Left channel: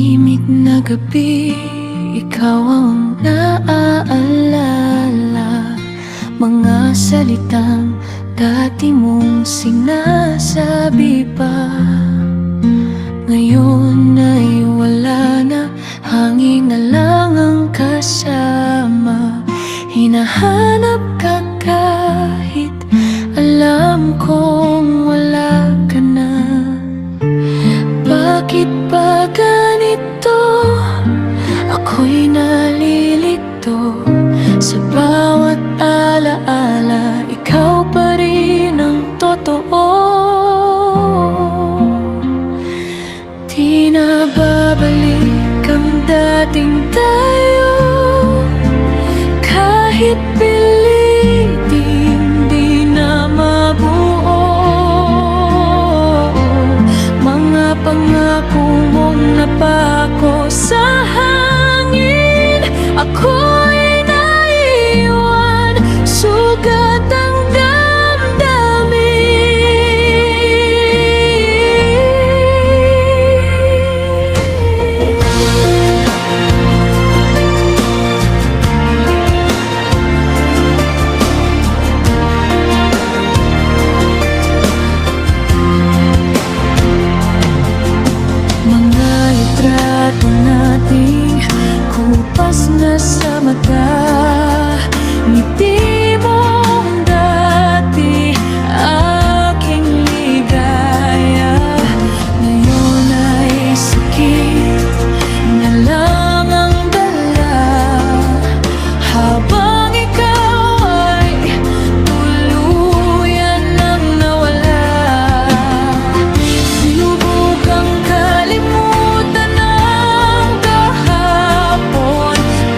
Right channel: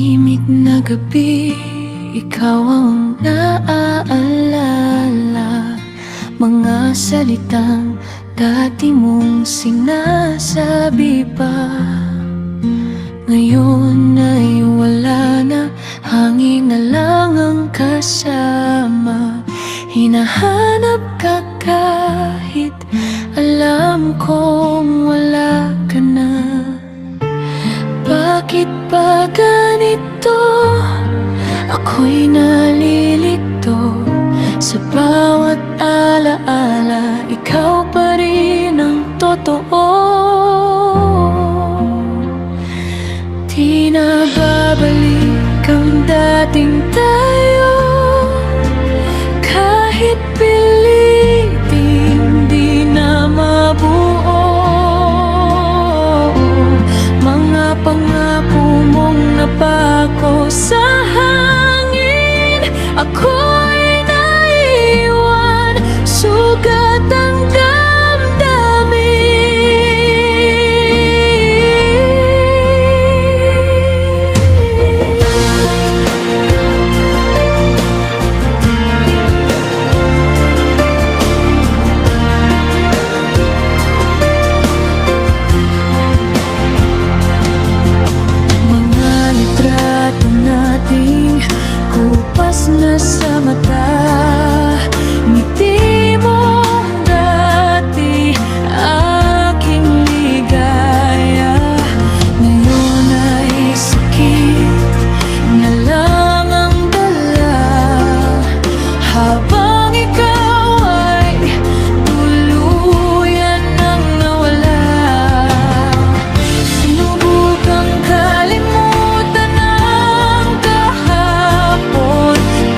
tahimik na gabi, ikaw ang naaalala. Mga salitang dati mong sinasabi pa, ngayon ay wala na, hangin na lang ang kasama. Hinahanap ka kahit alam kong wala ka na. Bakit ba ganito? Ako'y nalilito. Sa bawat alaala, ikaw pa rin ang totoo. Di na babalik ang dating tayo, kahit pilitin di na mabuo. Mga pangako mong napako sa hangin, ako'y naiwan, sugat ang litrato nating kupas na sa mata. Ngiti mong dati, aking ligaya, ngayon ay sakit na lang ang dala. Habang ikaw ay tuluyan nang nawala, sinubukang kalimutan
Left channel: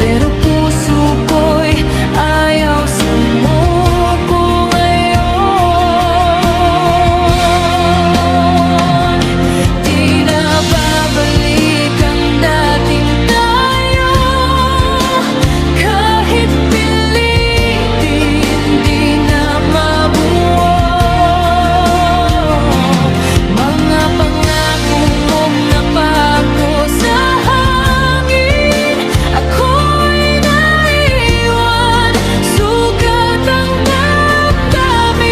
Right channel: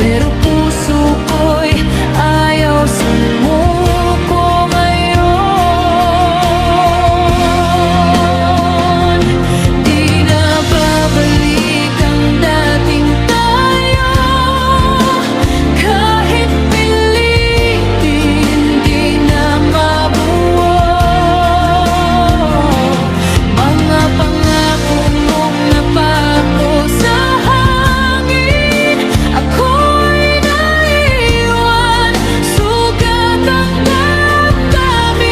pero puso ko'y ayaw sumuko ngayon. Di na babalik ang dating tayo, kahit pilitin di na mabuo. Mga pangako mong napako sa hangin, ako'y naiwan, sugat ang damdamin.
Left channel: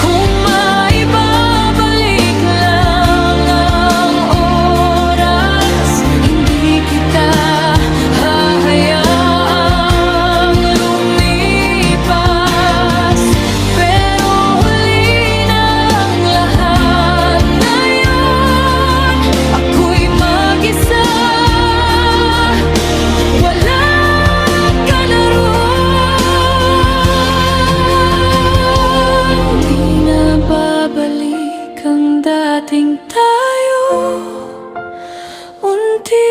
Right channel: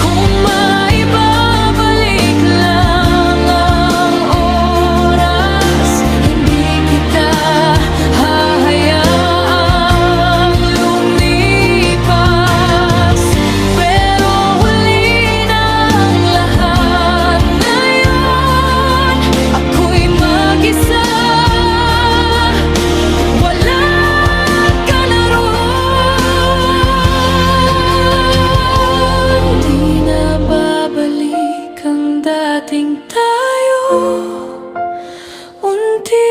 Kung maibabalik lang ang oras, hindi kita hahayaang lumipas. Pero huli ng lahat, ngayon ako'y mag-isa. Wala ka na roon. Di na babalik ang dating tayo, unti